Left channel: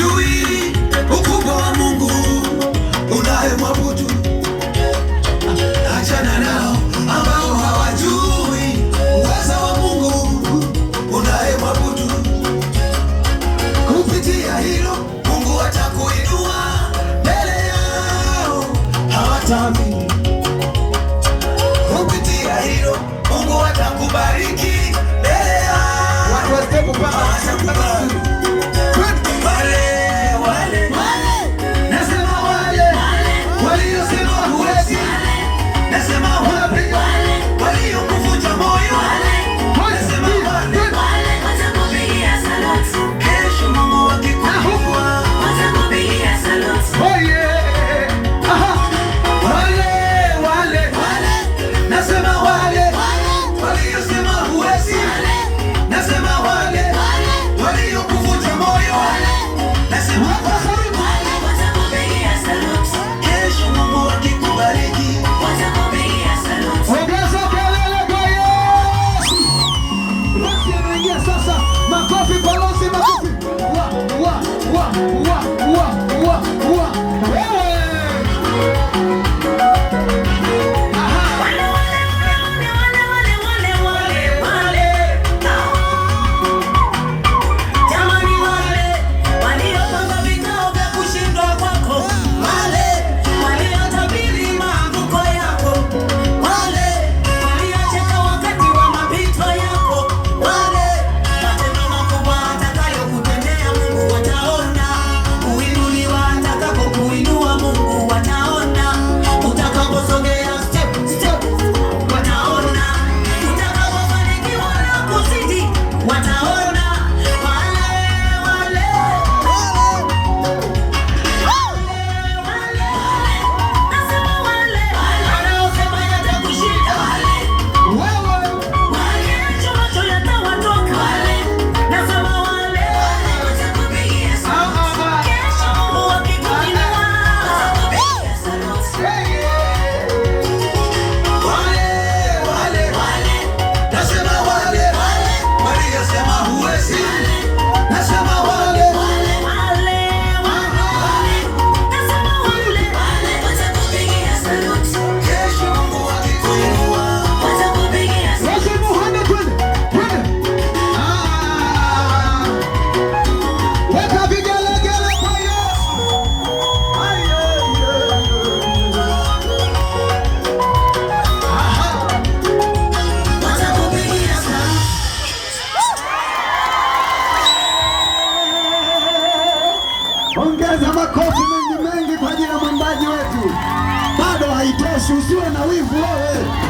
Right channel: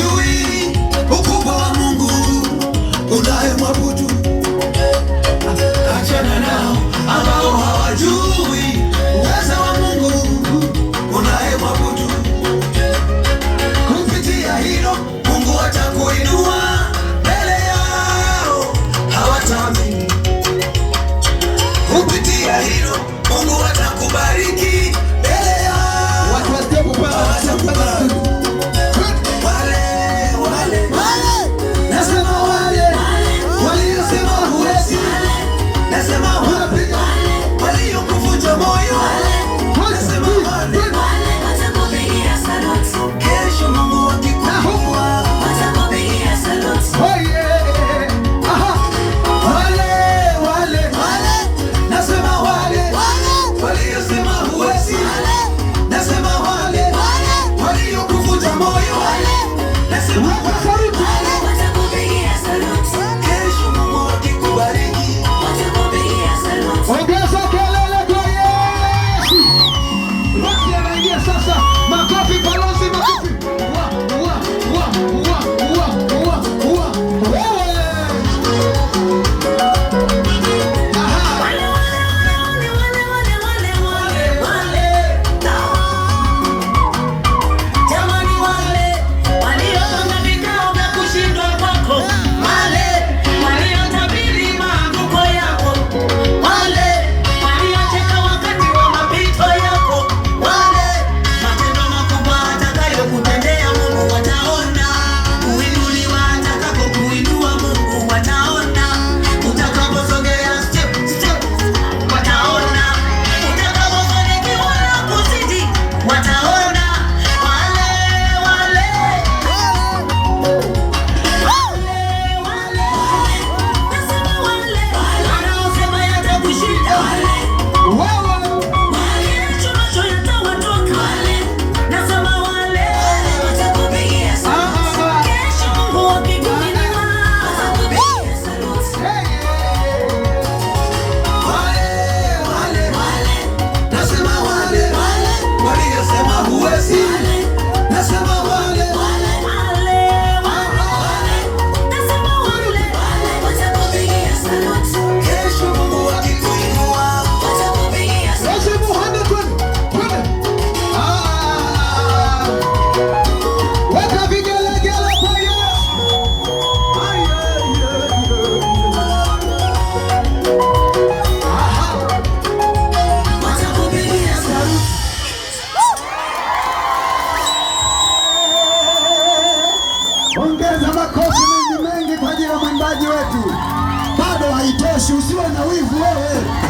hawajui ukubwa wa Mungu unayemwabudu. Achana nao ambao hawajui uweza wa Mungu unayemwabudu. Kupitia hilo Mungu atakuinua mbele yao, hawataamini. Kupitia hilo Mungu atakubariki mbele yao, hawatakubariki. Ongeza makofi mengi mengi kwa ajili ya mwimbaji wetu. Bado haitoshi, usiwe na wivu wewe.